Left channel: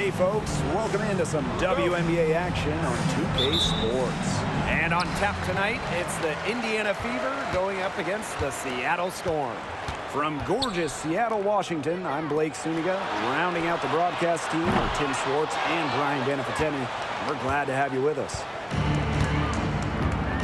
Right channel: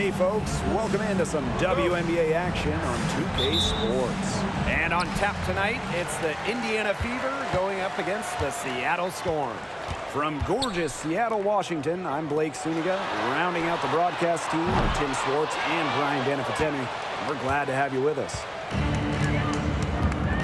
Hey folks, welcome into some WNBA action on 2K Sports. And on tap tonight, it's the Indiana Fever going up against the Seattle Storm. From gorgeous Seattle, Washington, I'm Blake Suniga. Rounding out the broadcast team are Tim Swartz and Brian Benefateni. We're glad to have you with us.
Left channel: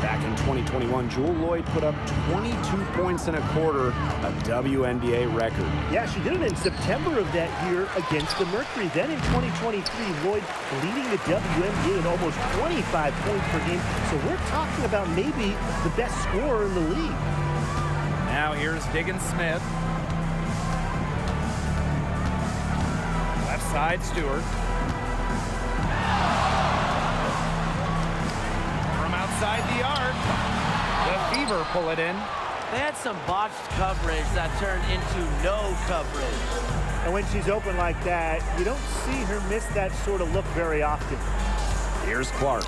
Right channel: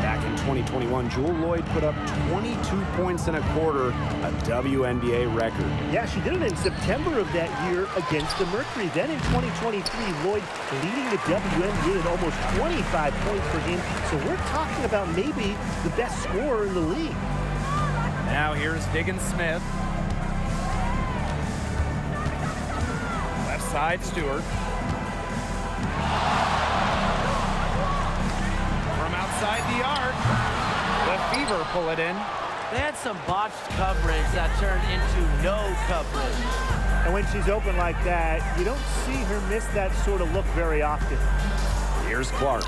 Back in 2021, Jewel Lloyd put up 22 points in a quarter, a WNBA record. Yeah, she did it in September of that year against the Mercury. Then in 2023, Lloyd leading the WNBA in almost 25 points per game. So we're talking about maybe the best scorer in the league. Now here's Diggins Smith. Left side, Stewart. From outside the arc, the Fever pull it in. They had some botched coverage that turned into no coverage. And when she's open like that, you don't see her miss that sort of look very often. Here's Clark.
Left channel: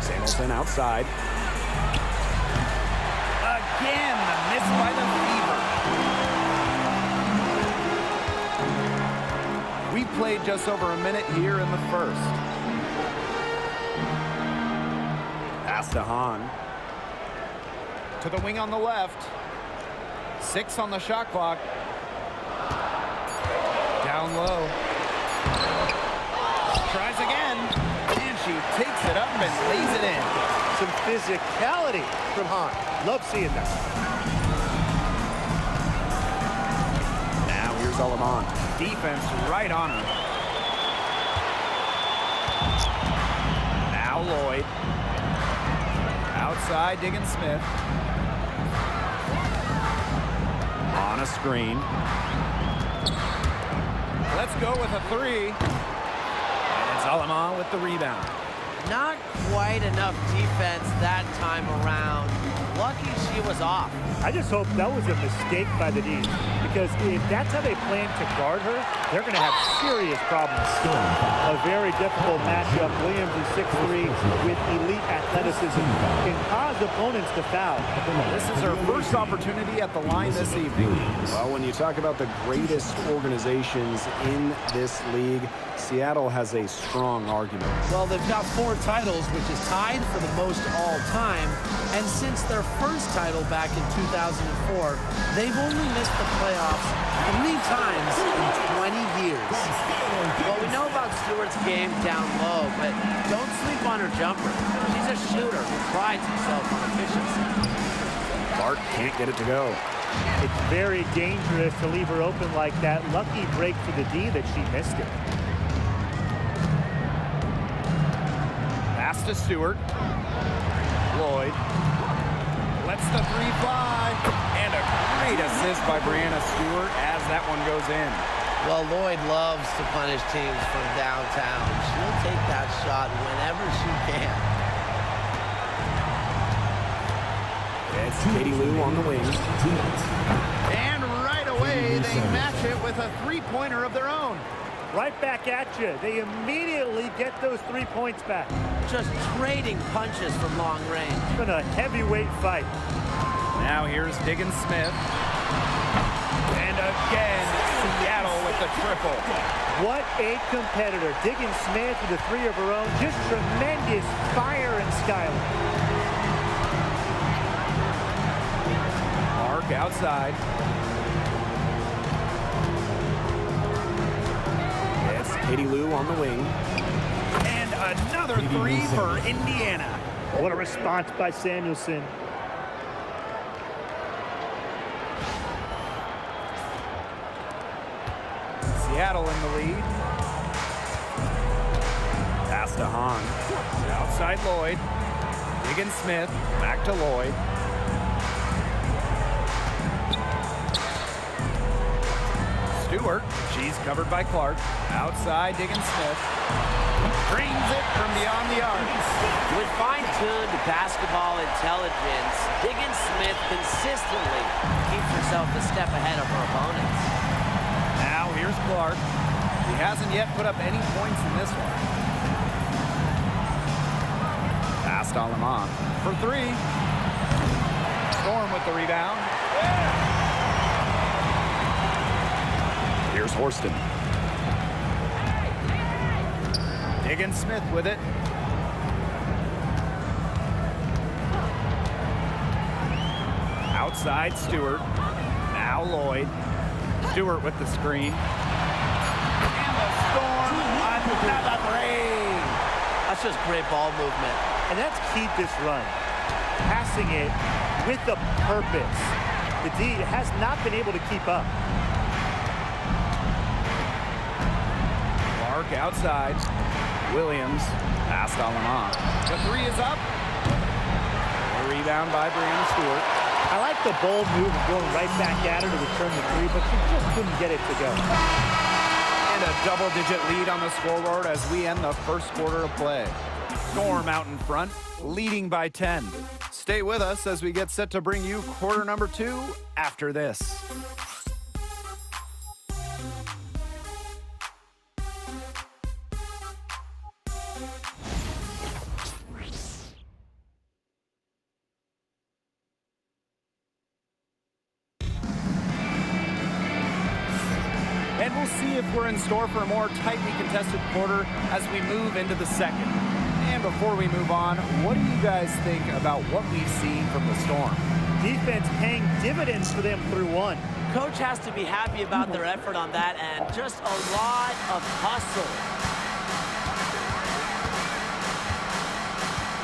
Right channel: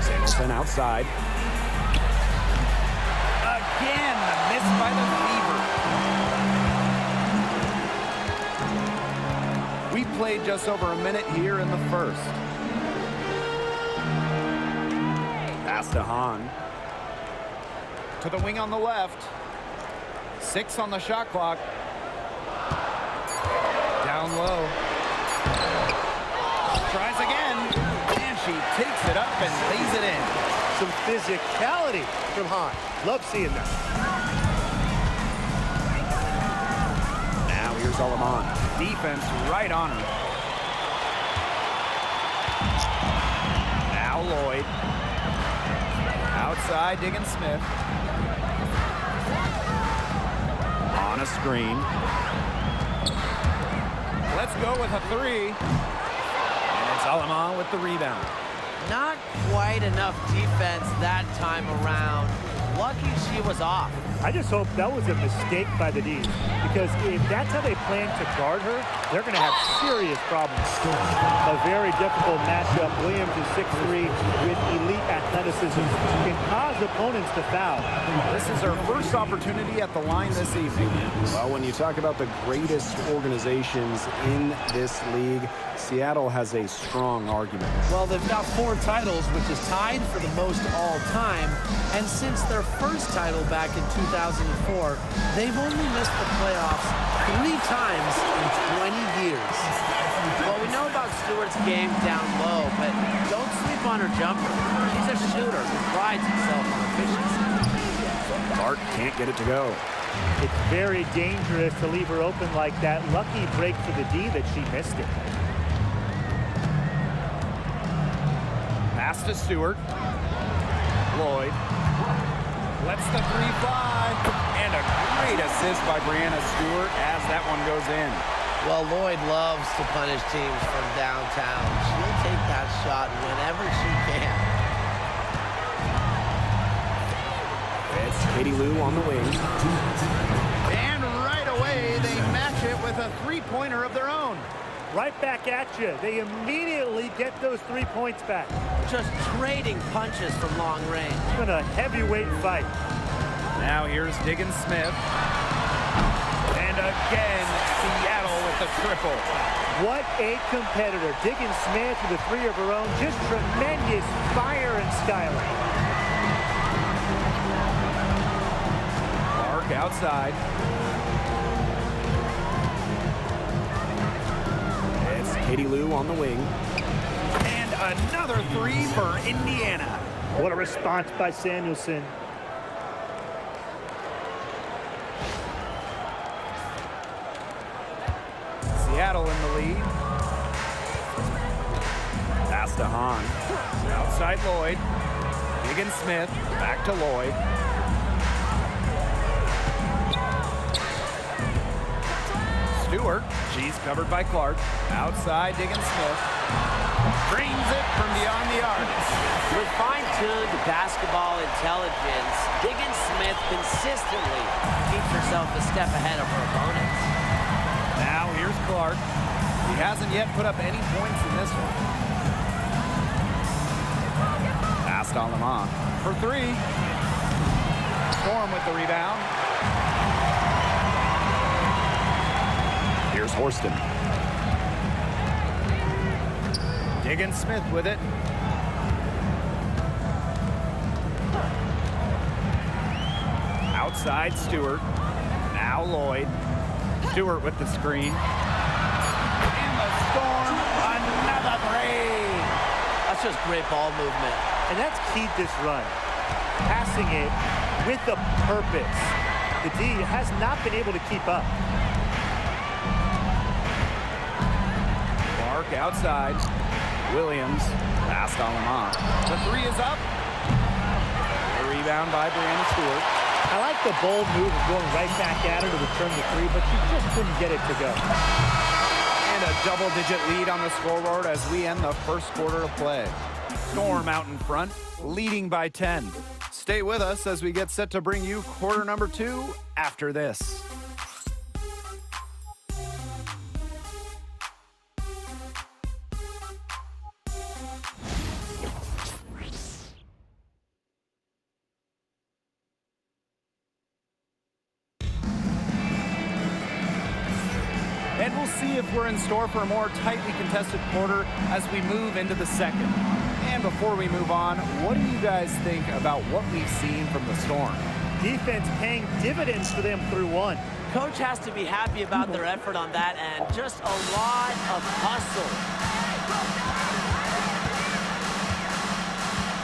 Samuelson outside. Again, the miss by the Fever. We played just over a minute here in the first. Pass to Hahn. To the wing on the left. 6 on the shot clock. Down low. Tries again. And she takes it up and lays it in. Some physicality from Hahn. Love seeing that. Now here's Alaman. Defense right on her. Now Lloyd. Outside, Diggins Smith. On a screen. Let's go with a 3. And it's Alaman with the rebound. Not quite enough defense that time around. Lucky she was off. I just hope that was a mistake by the D's, because if that's how they plan to guard her, they're going to have serious problems. A very difficult matchup. Williams is 6'3", with elite athleticism, can cause opponents to foul. This is her first opportunity at the line this evening. Well, when you talk about the greatest organizations in this league, Seattle has a strong argument. Well, they've got 4 titles, which is tied for the most all time. And since their first title back in 2004, they've only missed the playoffs 3 times in 20 years. Well, we know about Stewart's game down low, but don't sleep on her jumper. She's a shooter who prides himself on efficiency. Clark can't get it to go. It's very dangerous to leave her open like that. Lucky break for the D that she missed it. Pass to Stewart. Lloyd. Lets the 3 fly. And a great assist by Brianna Stewart as that one goes in. Well, Lloyd loves to punish teams from downtown. She'll take that shot whenever she can. It's Katie Lou on the wing. And right away, they match it with a 3-pointer of their own. Right back at you. They immediately get those 3 points back. Just trading punches from long range. It's been a heavyweight fight. Now here's Diggins Smith. And again, Seattle with the triple. What a competitor. Diggins Smith with a 3 of her own. Just tremendous fire and styling. Clark outside. It's Katie Lou on the wing. And another 3 for Indiana. What a response by Samuelson. Seattle in the lead. Pass to Hahn. Outside Lloyd. Diggins Smith. Back to Lloyd. Stewart. She's covered by Clark. Outside Diggins Smith. Drains it from beyond the arc. With fine-tuned basketball intelligence, Diggins Smith consistently keeps herself a step ahead of her opponents. Now here's Clark. He hasn't yet put up any points in this one. Pass to Alaman for 3. Storm with the rebound. Here's Horston. Smith with it. Outside Stewart. Now Lloyd. Stewart with the screen. And the Storm, another three. That's just great ball movement. And that's keyed this run. Passing it with a purpose. The D has not been able to keep up. Clark outside. Williams past Alamont. The three is up. A rebound by Brianna Stewart. I like the bold move of going right back at her to return the three, but she just couldn't get it to go. And a double-digit lead on the scoreboard as we end the first quarter of play. Storm out in front, leading by 10. Stay with us as we get set to bring you quarter number 2 after this. And we'll see if we're in store for a more tightly contested quarter as we move into the second. And before we move on, what do you guys think about what we've seen from the Storm? Defense paying dividends for them through one. Coach has to be happy about their effort on that end. Just a lot of hustle.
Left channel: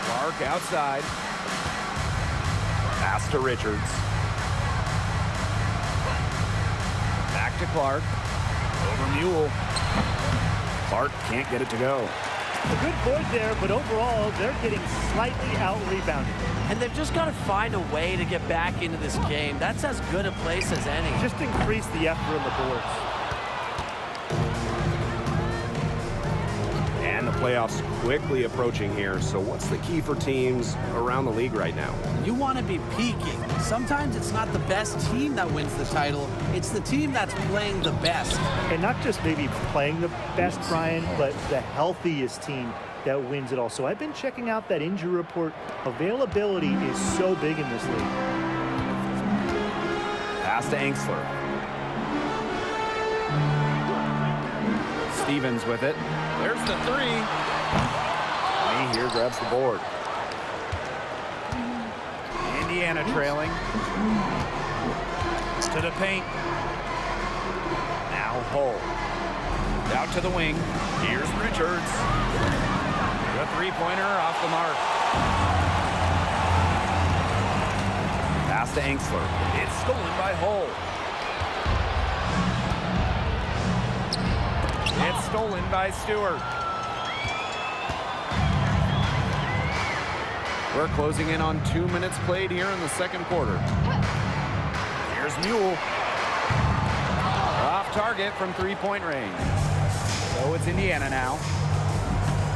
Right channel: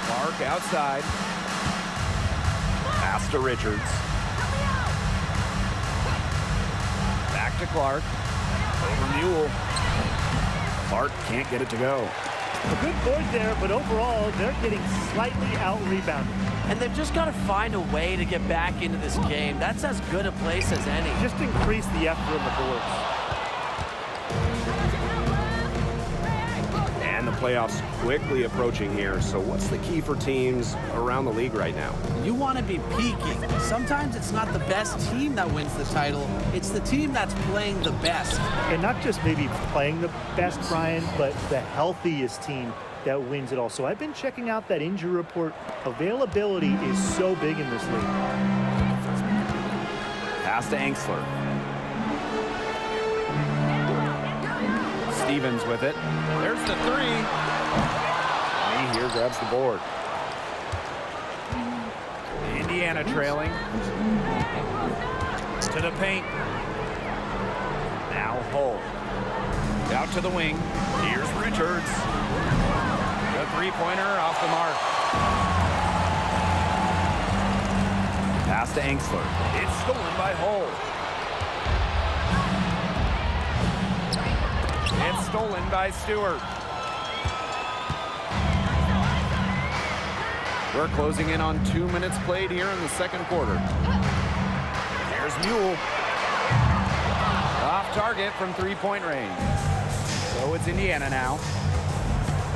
Clark outside. Pass to Richards. Back to Clark. Over Mule. Clark can't get it to go. A good board there, but overall, they're getting slightly out-rebounded. And they've just got to find a way to get back into this game. That's as good a place as any. Just increase the effort on the boards. And the playoffs quickly approaching here. So what's the key for teams around the league right now? You want to be peaking. Sometimes it's not the best team that wins the title. It's the team that's playing the best. And not just maybe playing the best, Brian, but the healthiest team that wins it all. So I've been checking out that injury report. Availability is so big in this league. Pass to Angsler. Stevens with it. There's the three. Lee here grabs the board. Indiana trailing. To the paint. Now Hull. Out to the wing. Here's Richards. The three-pointer off the mark. Pass to Angsler. It's stolen by Hull. It's stolen by Stewart. We're closing in on 2 minutes played here in the second quarter. Here's Mule. Off target from three-point range. So it's Indiana now.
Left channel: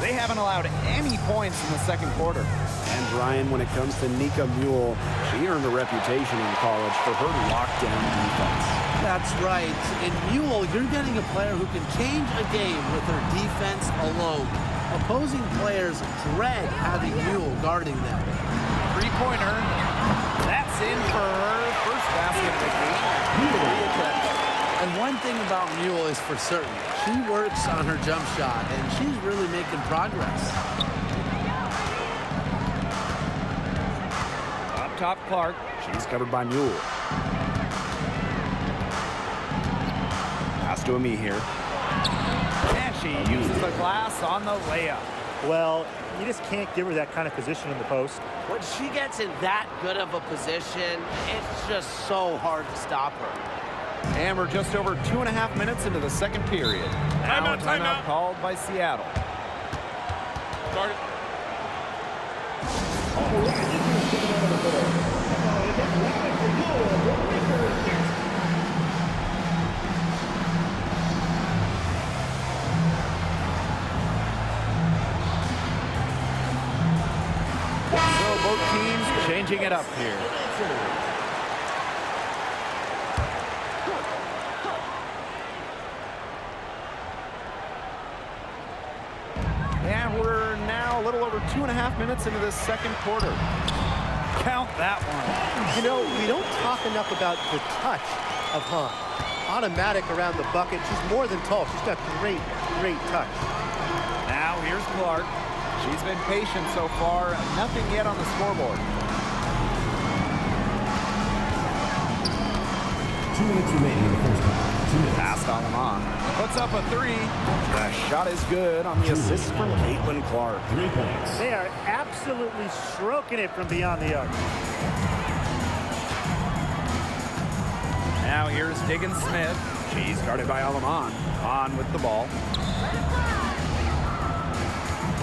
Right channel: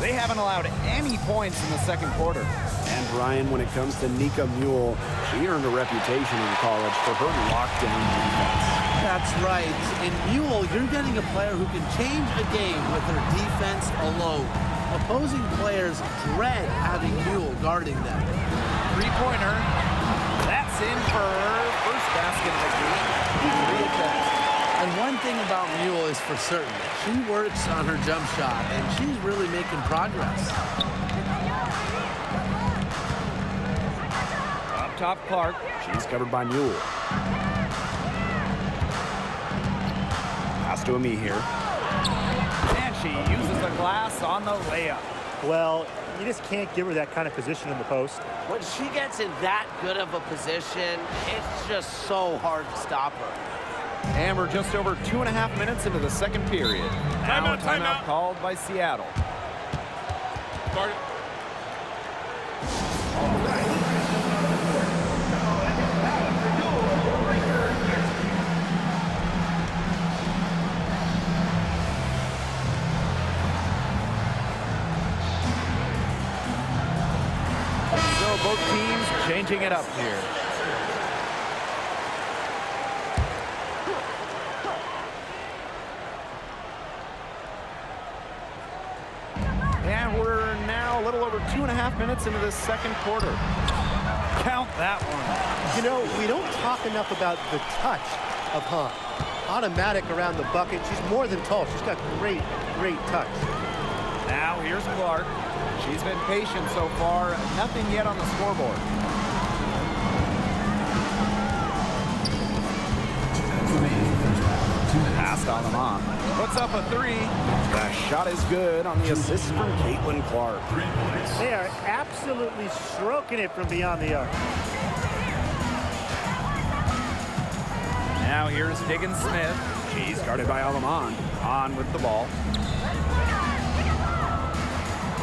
They haven't allowed any points in the second quarter. And Brian, when it comes to Nika Mule, she earned a reputation in college for her lockdown defense. That's right. In Mule, you're getting a player who can change a game with her defense alone. Opposing players dread having Mule guarding them. Three-pointer. That's in for her first basket of the game. 3 attempts. And one thing about Mule is for certain. She works on her jump shot, and she's really making progress. Up top, Clark. She's covered by Mule. Pass to Ami here. And she uses the glass on the layup. Well, you just can't give her that kind of position in the post. When she gets in that good of a position, it's just so hard to stop her. And we're just over 2.5 minutes into the second period. Now a timeout called by Seattle. Start it. So both teams changing it up here. And we're now a little over 2.5 minutes into this second quarter. Count that one. You know, we don't talk enough about the touch of Han. Automatic around the bucket. She's more than tall. She's got great touch. Now here's Clark. She's been patient so far. Nothing yet on the scoreboard. 2 minutes remaining in the first half. 2 minutes. Passed on them on. Puts up a three. The shot is good on the assist from Caitlin Clark. 3 points. They are absolutely stroking it from beyond the arc. Now here's Diggins Smith. She's guarded by Alaman. On with the ball.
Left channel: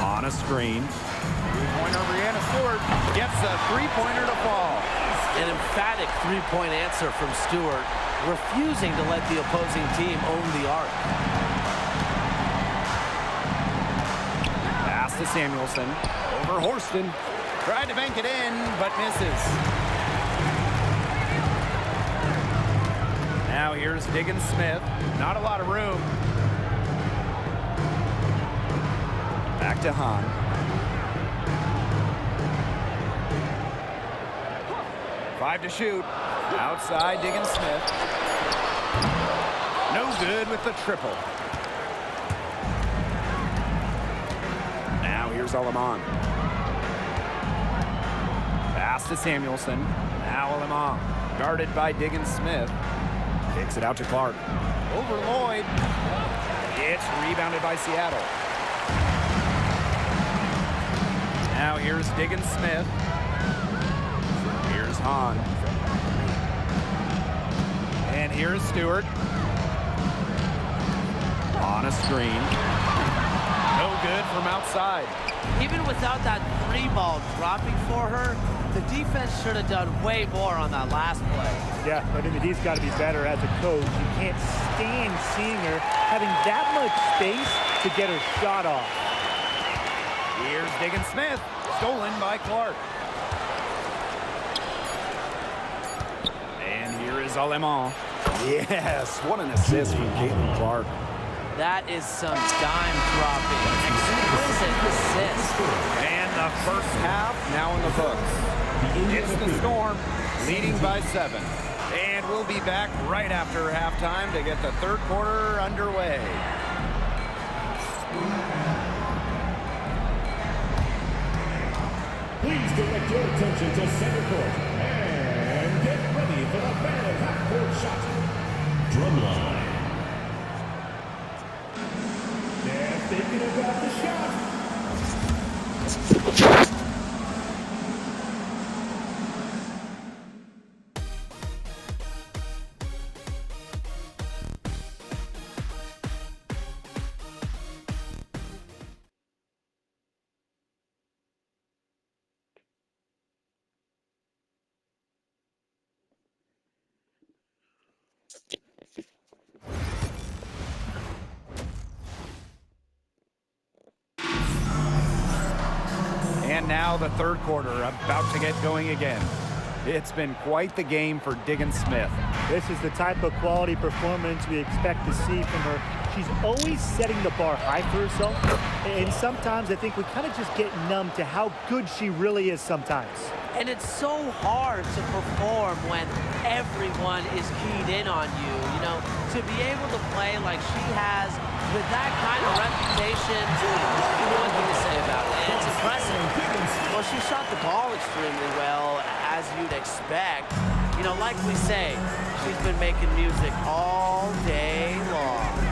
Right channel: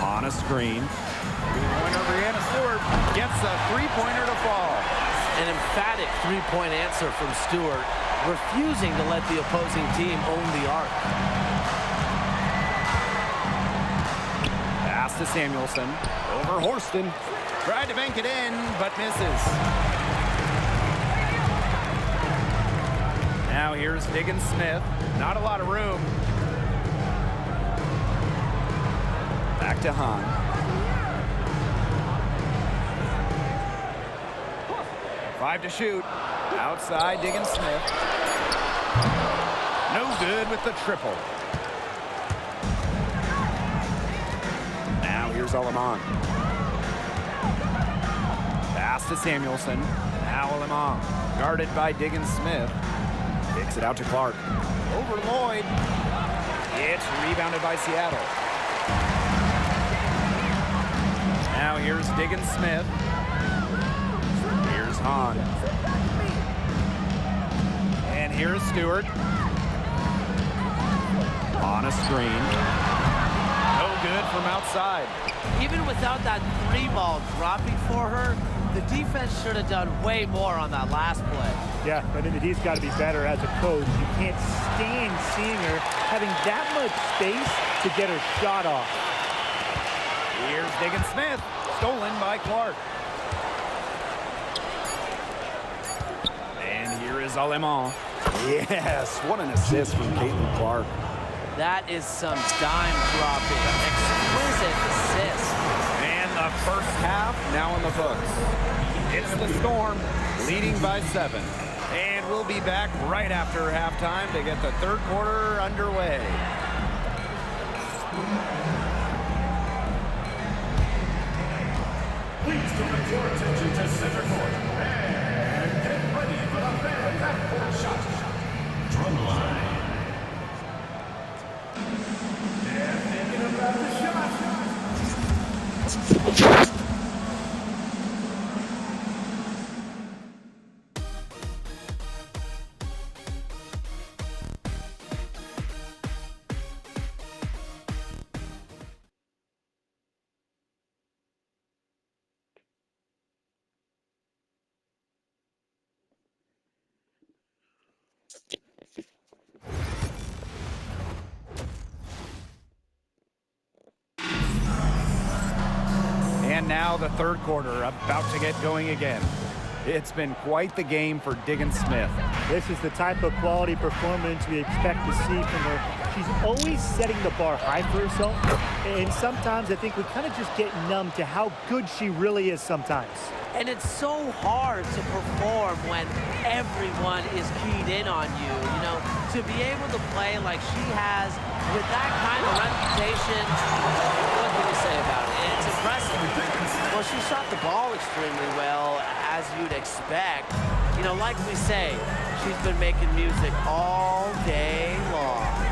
On a screen. Three-pointer, Brianna Stewart gets a three-pointer to fall. An emphatic three-point answer from Stewart, refusing to let the opposing team own the arc. Pass to Samuelson. Over Horston. Tried to bank it in, but misses. Now here's Diggins Smith. Not a lot of room. Back to Hahn. Five to shoot. Outside Diggins Smith. No good with the triple. Now here's Alaman. Pass to Samuelson. Now Alaman. Guarded by Diggins Smith. Kicks it out to Clark. Over Lloyd. It's rebounded by Seattle. Now here's Diggins Smith. Here's Hahn. And here's Stewart. On a screen. No good from outside. Even without that three ball dropping for her, the defense should have done way more on that last play. Yeah, I mean, the D's got to be better as a coach. You can't stand seeing her having that much space to get her shot off. Here's Diggins Smith. Stolen by Clark. And here is Alaman. Yes, what an assist from Caitlin Clark. That is some dime-dropping, exquisite assist. And the first half now in the books. It's the Storm leading by 7. And we'll be back right after halftime to get the third quarter underway. Please direct your attention to center court and get ready for the Phantom half-court shot. Drumline. They're thinking about the shot. And now the third quarter about to get going again. It's been quite the game for Diggins Smith. This is the type of quality performance we expect to see from her. She's always setting the bar high for herself, and sometimes I think we kind of just get numb to how good she really is sometimes. And it's so hard to perform when everyone is keyed in on you. You know, to be able to play like she has with that kind of reputation, what can you say about it? And it's impressive. Well, she shot the ball extremely well, as you'd expect. You know, like we say, she's been making music all day long.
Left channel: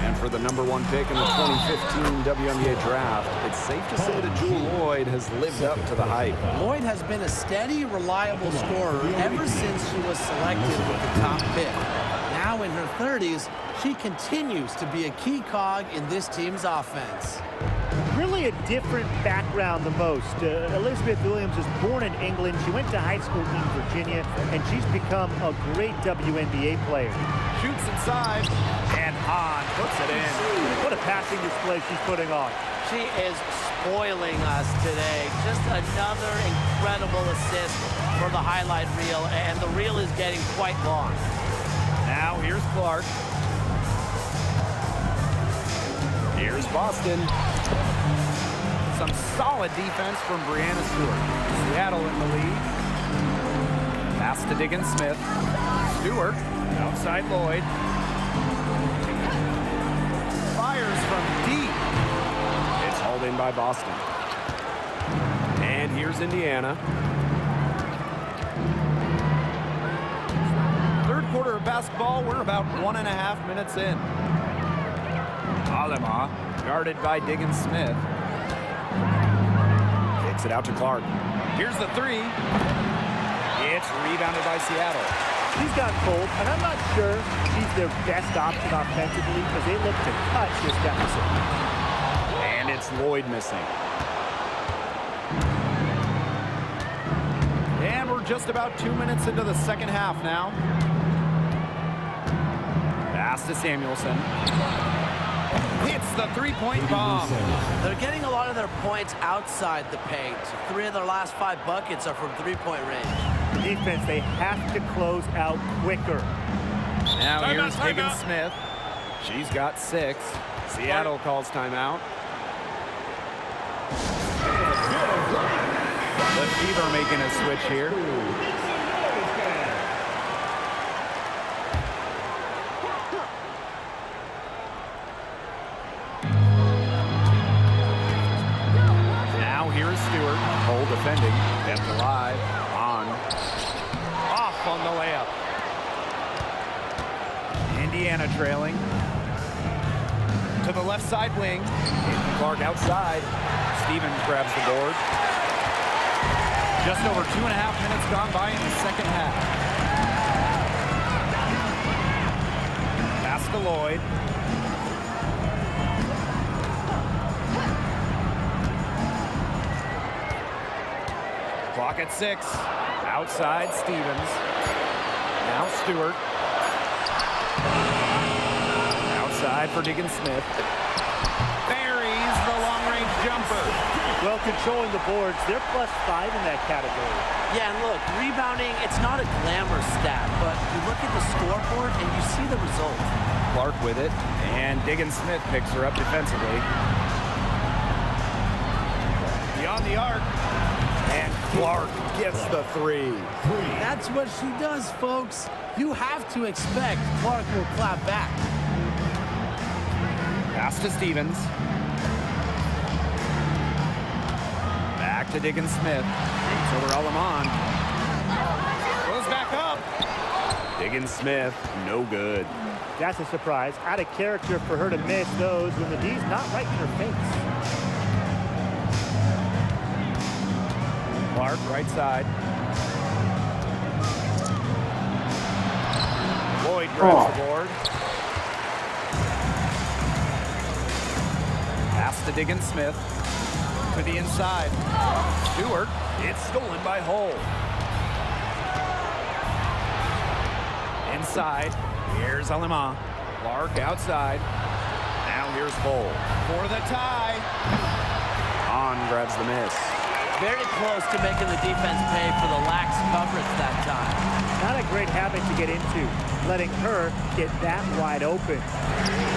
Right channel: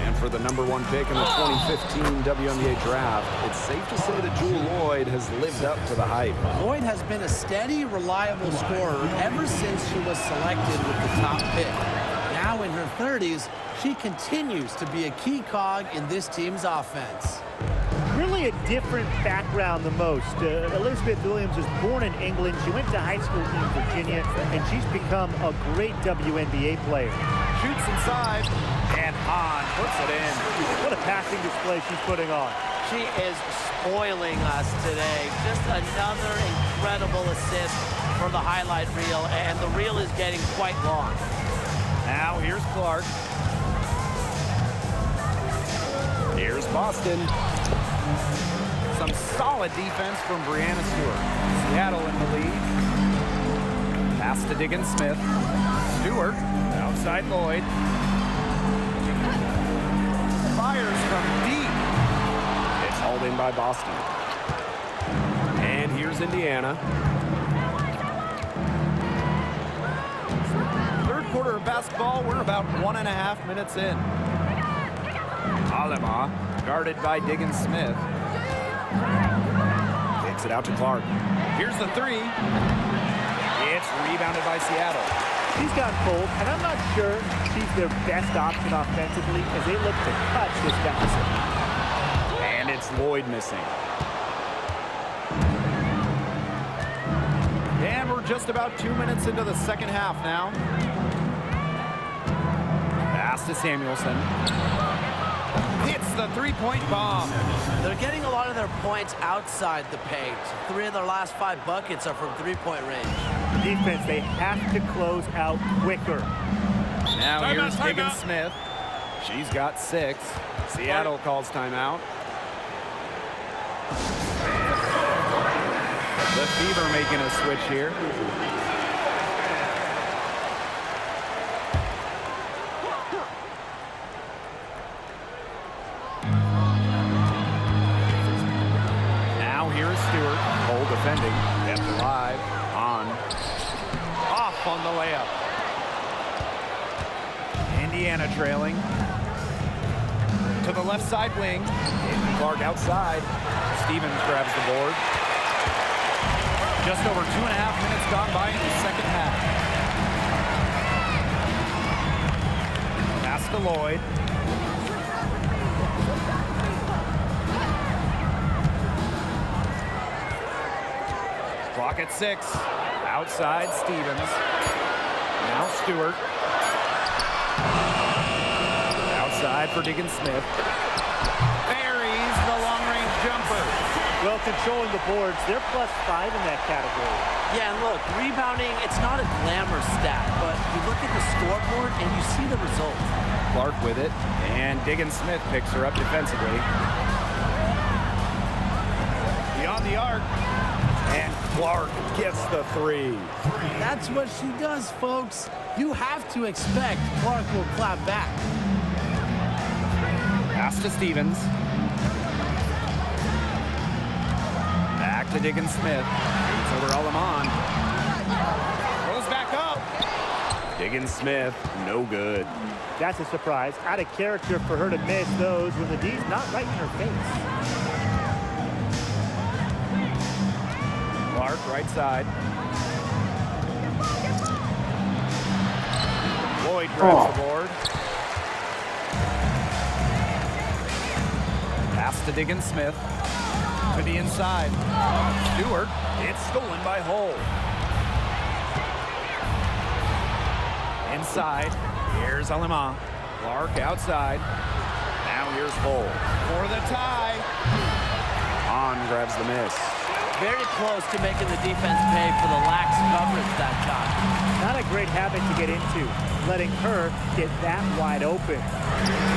And for the #1 pick in the 2015 WNBA draft, it's safe to say that Jewel Lloyd has lived up to the hype. Lloyd has been a steady, reliable scorer ever since she was selected with the top pick. Now in her 30s, she continues to be a key cog in this team's offense. Really a different background than most. Elizabeth Williams was born in England. She went to high school in Virginia, and she's become a great WNBA player. Shoots inside, and Hahn puts it in. What a passing display she's putting on. She is spoiling us today. Just another incredible assist for the highlight reel, and the reel is getting quite long. Now here's Clark. Here's Boston. Some solid defense from Brianna Stewart. Seattle in the lead. Pass to Diggins Smith. Stewart outside Lloyd. Fires from deep. Called in by Boston. And here's Indiana. Third quarter of basketball, we're about 1.5 minutes in. Alema, guarded by Diggins Smith. Kicks it out to Clark. Here's the three. It's rebounded by Seattle. She's gotten cold, and I'm not sure she's their best option offensively as they look to cut this deficit. And it's Lloyd missing. And we're just about 2 minutes into the second half now. Pass to Samuelson. Hits the three-point bomb. They're getting a lot of their points outside the paint. 3 of their last 5 buckets are from three-point range. The defense, they have to close out quicker. Now Timeout, here's Diggins timeout. Smith. She's got 6. Seattle calls timeout. The Fever making a switch here. Now here's Stewart. Cole defending. Kept alive. On. Off on the layup. Indiana trailing. To the left side wing. Caitlin Clark outside. Stevens grabs the board. Just over 2.5 minutes gone by in the second half. Pass to Lloyd. Clock at 6. Outside Stevens. Now Stewart. Outside for Diggins Smith. Buries the long-range jumper. Well, controlling the boards, they're +5 in that category. Yeah, and look, rebounding, it's not a glamour stat, but you look at the scoreboard and you see the result. Clark with it, and Diggins Smith picks her up defensively. Beyond the arc, and Clark gets the 3. That's what she does, folks. You have to expect Clark will clap back. Pass to Stevens. Back to Diggins Smith. Shoots over Alaman. Goes back up. Diggins Smith, no good. That's a surprise. Out of character for her to miss those when the D's not right in her face. Clark, right side. Lloyd grabs the board. Pass to Diggins Smith. To the inside. Stewart. It's stolen by Hull. Inside. Here's Alema. Clark outside. Now here's Hull. For the tie. On grabs the miss. Very close to making the defense pay for the lax coverage that time. Not a great habit to get into, letting her get that wide open.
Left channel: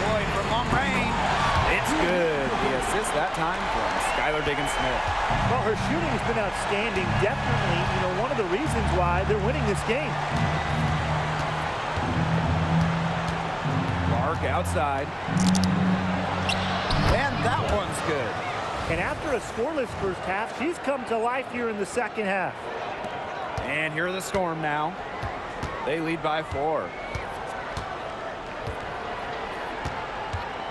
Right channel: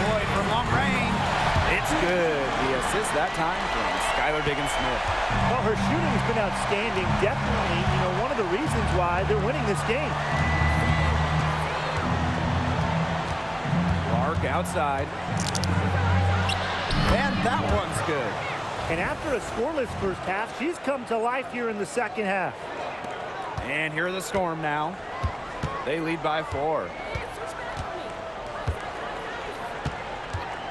Lloyd from long range. It's good. The assist that time from Skylar Diggins Smith. Well, her shooting has been outstanding. Definitely, one of the reasons why they're winning this game. Clark outside. And that one's good. And after a scoreless first half, she's come to life here in the second half. And here are the Storm now. They lead by 4.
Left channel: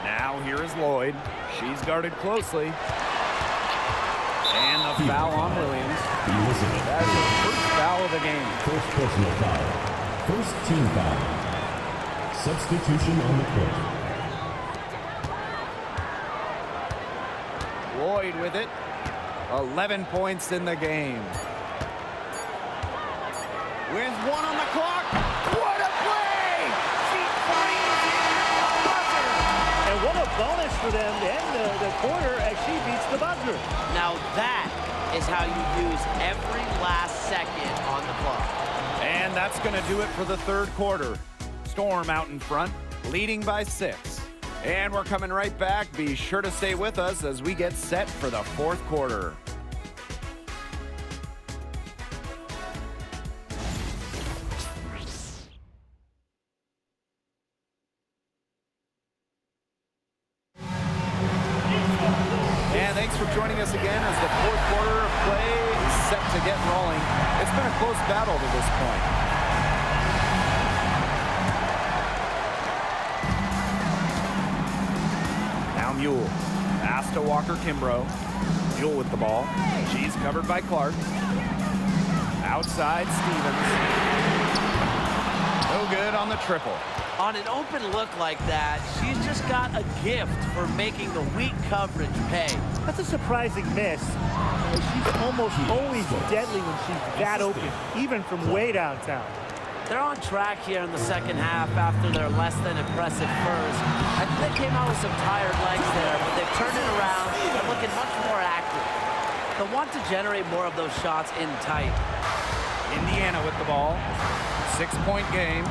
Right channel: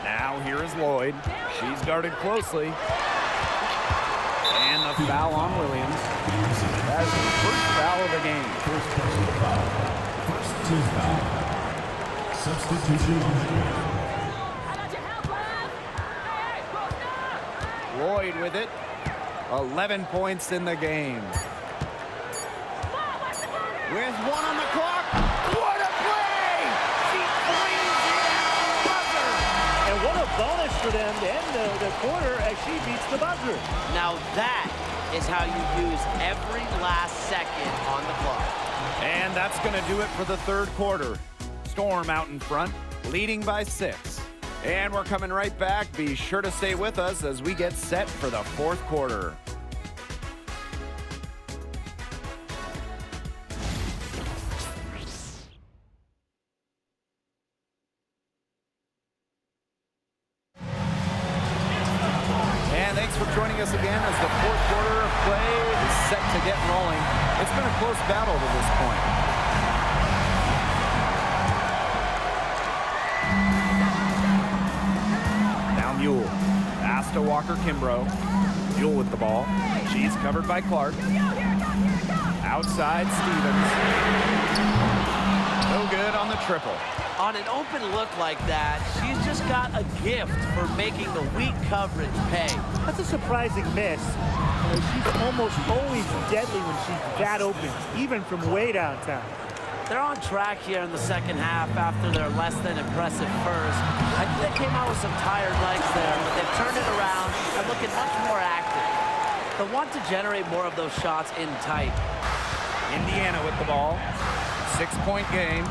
Now here is Lloyd. She's guarded closely. And the foul on Williams. That is the first foul of the game. First personal foul. First team foul. Substitution on the court. Lloyd with it. 11 points in the game. With 1 on the clock. What a play! She brings it at the buzzer. And what a bonus for them to end the quarter as she beats the buzzer. Now that is how you use every last second on the clock. And that's going to do it for the third quarter. Storm out in front, leading by 6. And we're coming right back. Be sure to stay with us as we get set for the fourth quarter. And thanks for joining us again as the fourth quarter of play is set to get rolling. It's been a close battle to this point. Now Mule. Pass to Walker Kimbrough. Mule with the ball. She's covered by Clark. Outside Stevens. No good on the triple. On an open look like that, she's just got a gift for making the weak coverage pay. That's a surprising miss. She's almost always deadly when she's that open, even from way downtown. They're on track here in the second half after their less than impressive first. I think they came out with some tired legs there, but they've turned it around and looking much more active. They'll want to generate more of those shots in tight. Indiana with the ball. 6-point game.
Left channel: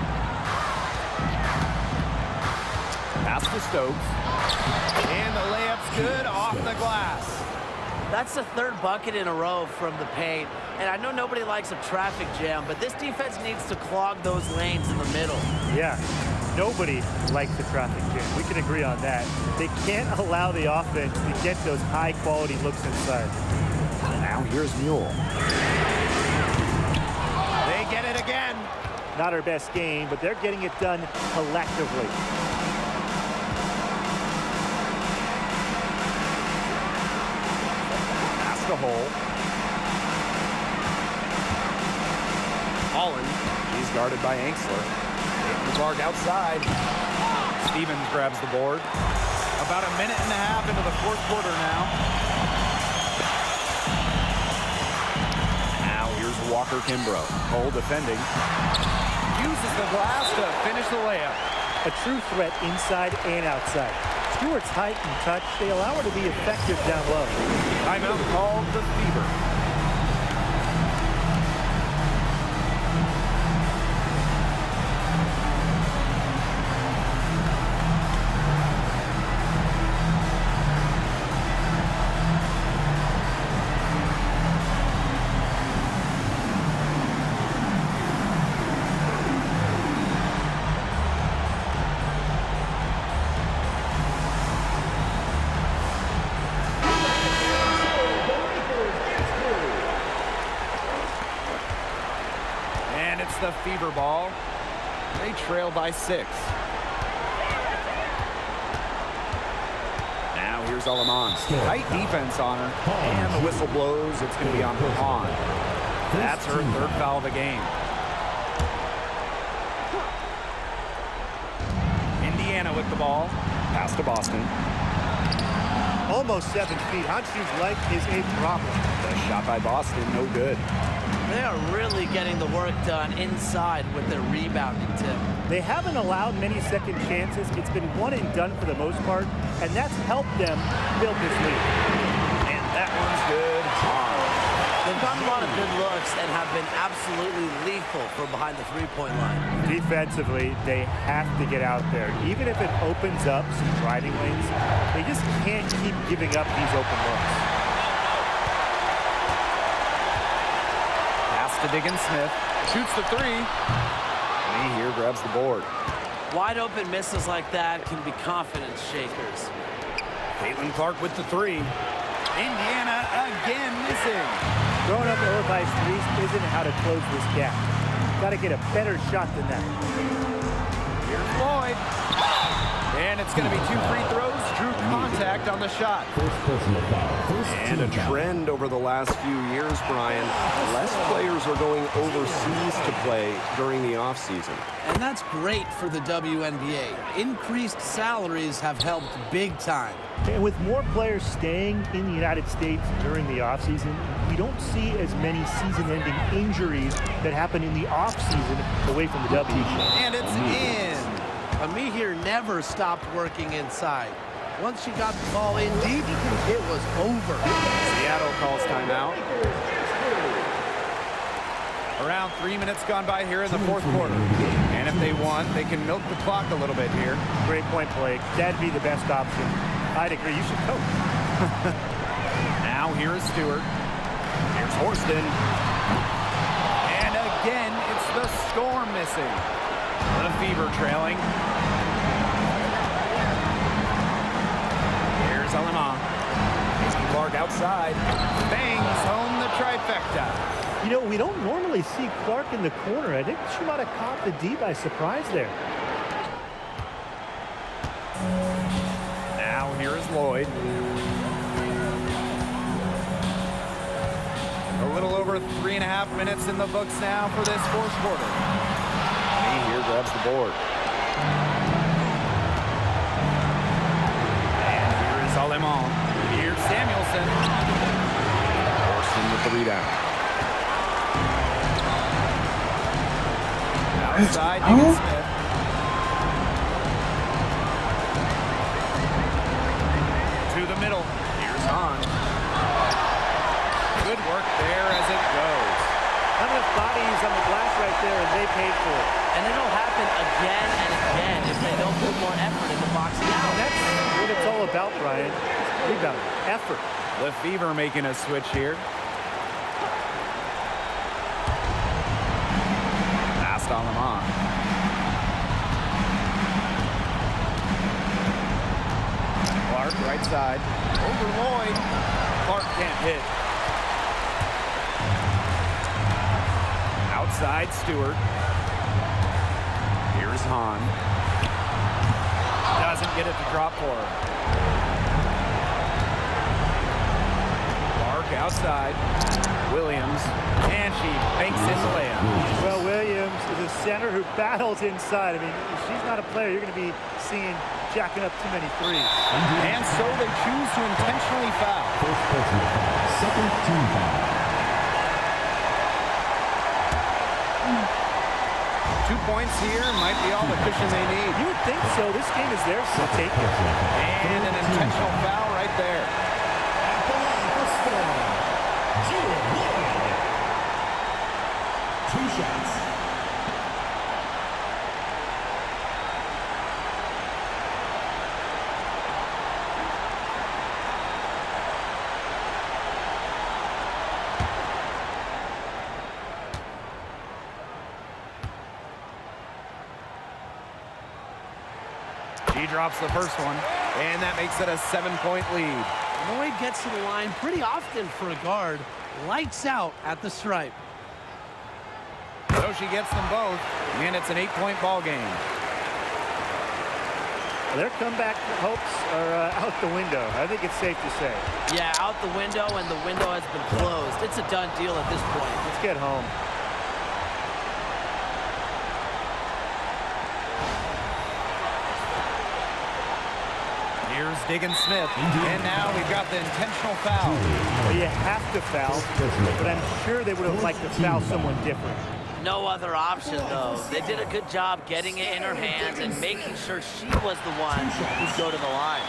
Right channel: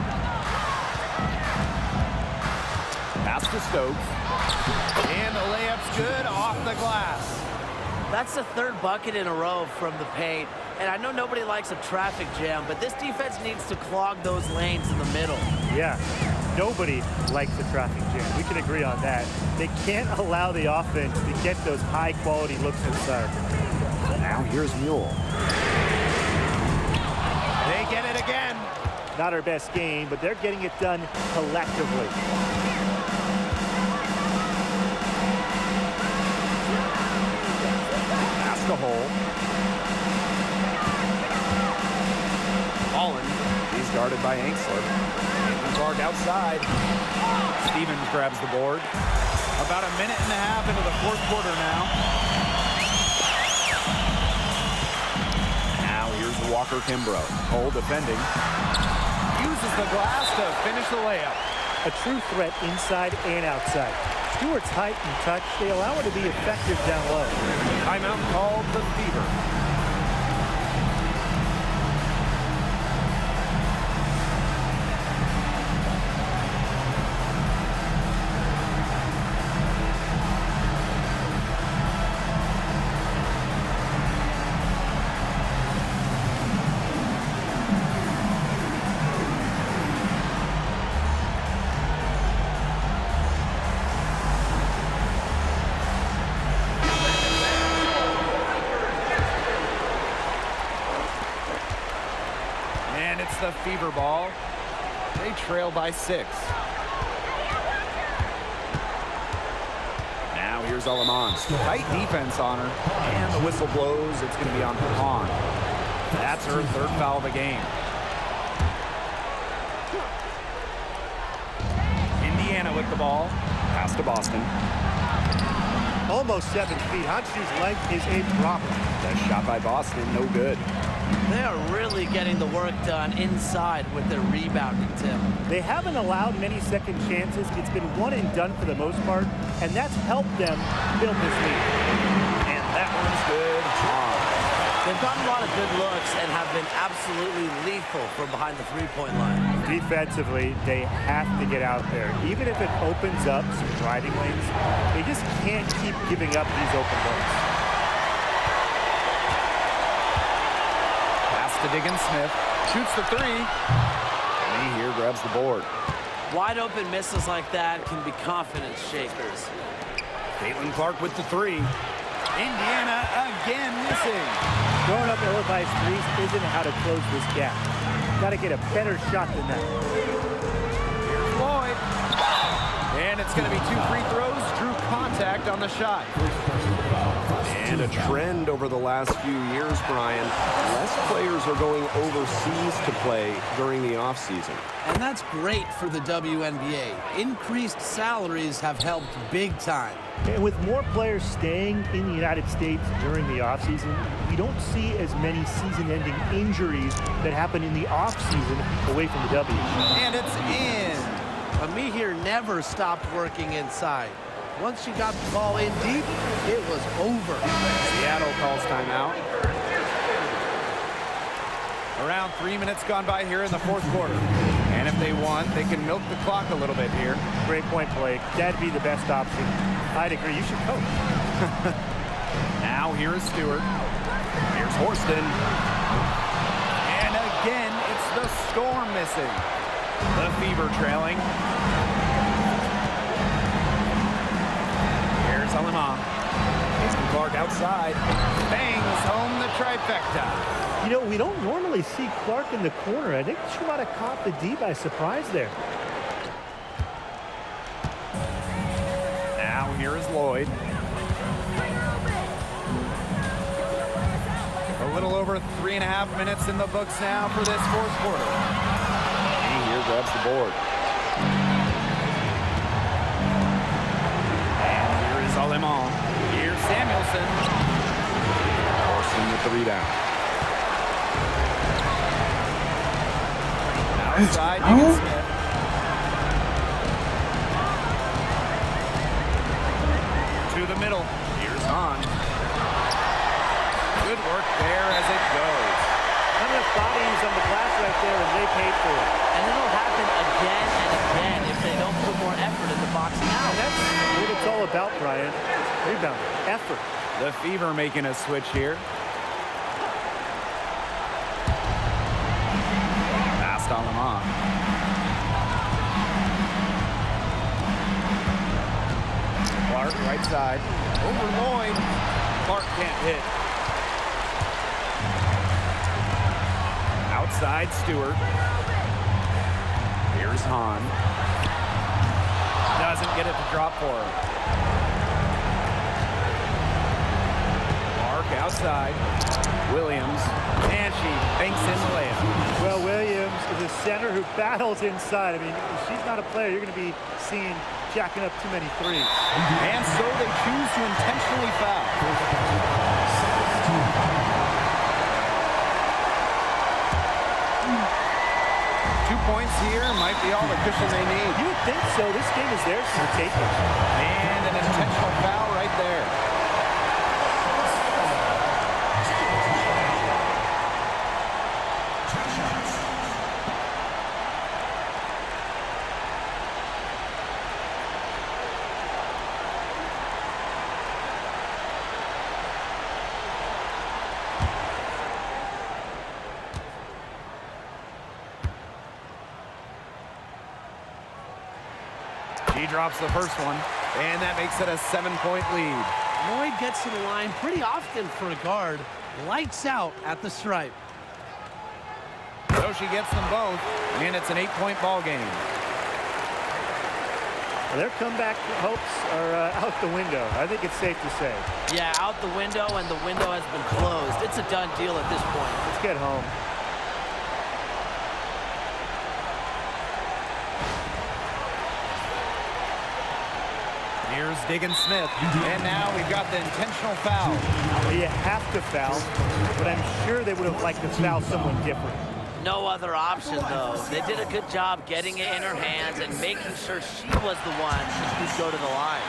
Pass to Stokes. And the layup's good off the glass. That's the third bucket in a row from the paint. And I know nobody likes a traffic jam, but this defense needs to clog those lanes in the middle. Yeah, nobody likes the traffic jam. We can agree on that. They can't allow the offense to get those high-quality looks inside. Now here's Mule. They get it again. Not her best game, but they're getting it done collectively. Pass the hole. Holland. She's guarded by Anxler. Caitlin Clark outside. Stevens grabs the board. About a minute and a half into the fourth quarter now. Now here's Walker Kimbrough. Cole defending. Uses the glass to finish the layup. A true threat inside and outside. Stewart's height and touch, they allow her to be effective down low. Timeout called the Fever. And it's the Fever ball. They trail by 6. Now here's Alaman. Tight defense on her. And the whistle blows. It's going to be on Hahn. That's her third foul of the game. Indiana with the ball. Pass to Boston. Almost 7 feet. Hanshu's length is a problem. The shot by Boston, no good. They are really getting the work done inside with their rebounding, Tim. They haven't allowed many second chances. It's been one and done for the most part, and that's helped them build this lead. And that one's good. They've gotten a lot of good looks and have been absolutely lethal from behind the three-point line. Defensively, they have to get out there. Even if it opens up some driving lanes, they just can't keep giving up these open looks. Pass to Diggins-Smith. Shoots the 3. Me here grabs the board. Wide open misses like that can be confidence shakers. Caitlin Clark with the 3. Indiana again missing. Throwing up ill-advised threes isn't how to close this gap. Got to get a better shot than that. Here's Lloyd. And it's going to be 2 free throws. Drew contact on the shot. And a trend over the last few years, Brian. Less players are going overseas to play during the offseason. And that's great for the WNBA. Increased salaries have helped big time. And with more players staying in the United States during the offseason, we don't see as many season-ending injuries that happen in the offseason away from the W. And it's in. Amihir never stopped working inside. Once she got the ball in deep, it was over. Seattle calls timeout. Around 3 minutes gone by here in the fourth quarter. And if they won, they can milk the clock a little bit here. Great point, Blake. That'd be the best option. I'd agree. You should coach. Now here is Stewart. Here's Horston. And again, it's the Storm missing. The Fever trailing. Here's Alema. Mason Clark outside. Bangs home the trifecta. You know, we don't normally see Clark in the corner. I think she might have caught the D by surprise there. Now here is Lloyd. A little over 3.5 minutes in the books now for this fourth quarter. He here grabs the board. And here is Alemán. Here's Samuelson. Forston with the rebound. Outside, Deacon Smith. To the middle. Here's Hahn. Good work there as it goes. Not enough bodies on the glass right there, and they paid for it. And it'll happen again and again if they don't put more effort into boxing out. And that's what it's all about, Brian. Rebound, effort. The Fever making a switch here. Past Alemán. Clark right side. Over Lloyd. Clark can't hit. Outside Stewart. Here's Hahn. Doesn't get it to drop for her. Clark outside. Williams. And she banks in the layup. Well, Williams is a center who battles inside. I mean, if she's not a player, you're going to be seeing jacking up too many threes. And so they choose to intentionally foul. First personal foul. Second team foul. 2 points here might be all the cushion they need. You would think so. This game is theirs to take it. And an intentional foul right there. At the line for score, Jude Lloyd. 2 shots. She drops the first one, and that makes it a 7-point lead. Lloyd gets to the line pretty often for a guard. Lights out at the stripe. So she gets them both, and it's an 8-point ball game. Well, their comeback hopes are out the window. I think it's safe to say. Yeah, out the window, and the window has been closed. It's a done deal at this point. Let's get home. Here's Deacon Smith, and now we've got the intentional foul. Well, you have to foul, but I'm sure they would have liked to foul someone different. No other option, though. They did a good job getting it in her hands and making sure she was the one who'd go to the line.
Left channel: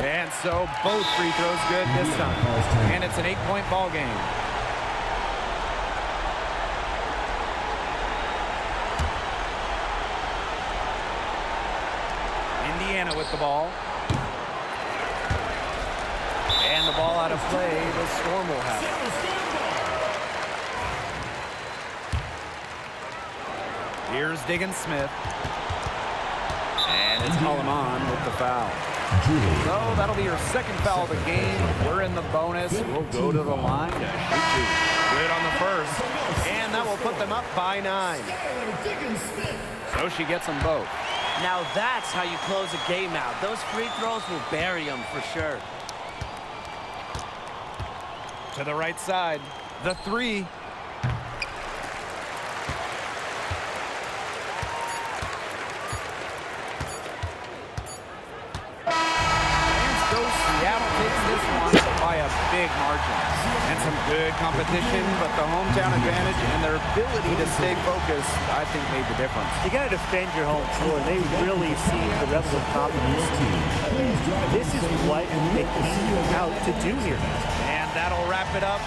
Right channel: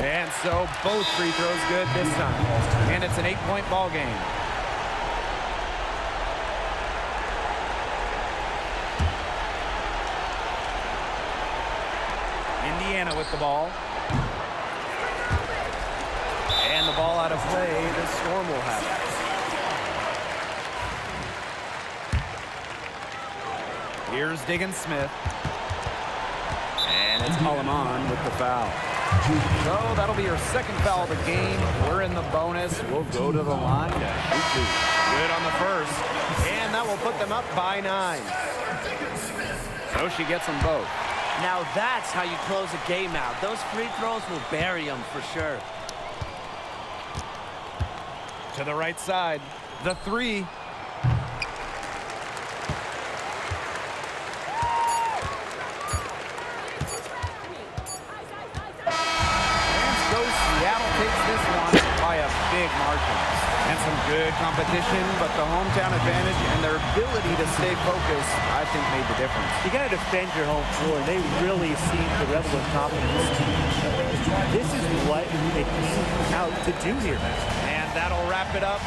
And so both free throws good this time. And it's an 8-point ball game. Indiana with the ball. And the ball out of play. The Storm will have it. Here's Deacon Smith. And it's Alemán with the foul. So that'll be her second foul of the game. We're in the bonus. We'll go to the line to shoot 2. Good on the first. And that will put them up by 9. So she gets them both. Now that's how you close a game out. Those free throws will bury them for sure. To the right side. The 3. Seattle takes this one by a big margin. And some good competition, but the hometown advantage and their ability to stay focused, I think, made the difference. You got to defend your home floor. They really seem the level of confidence. This is what they came out to do here. And that'll wrap it up.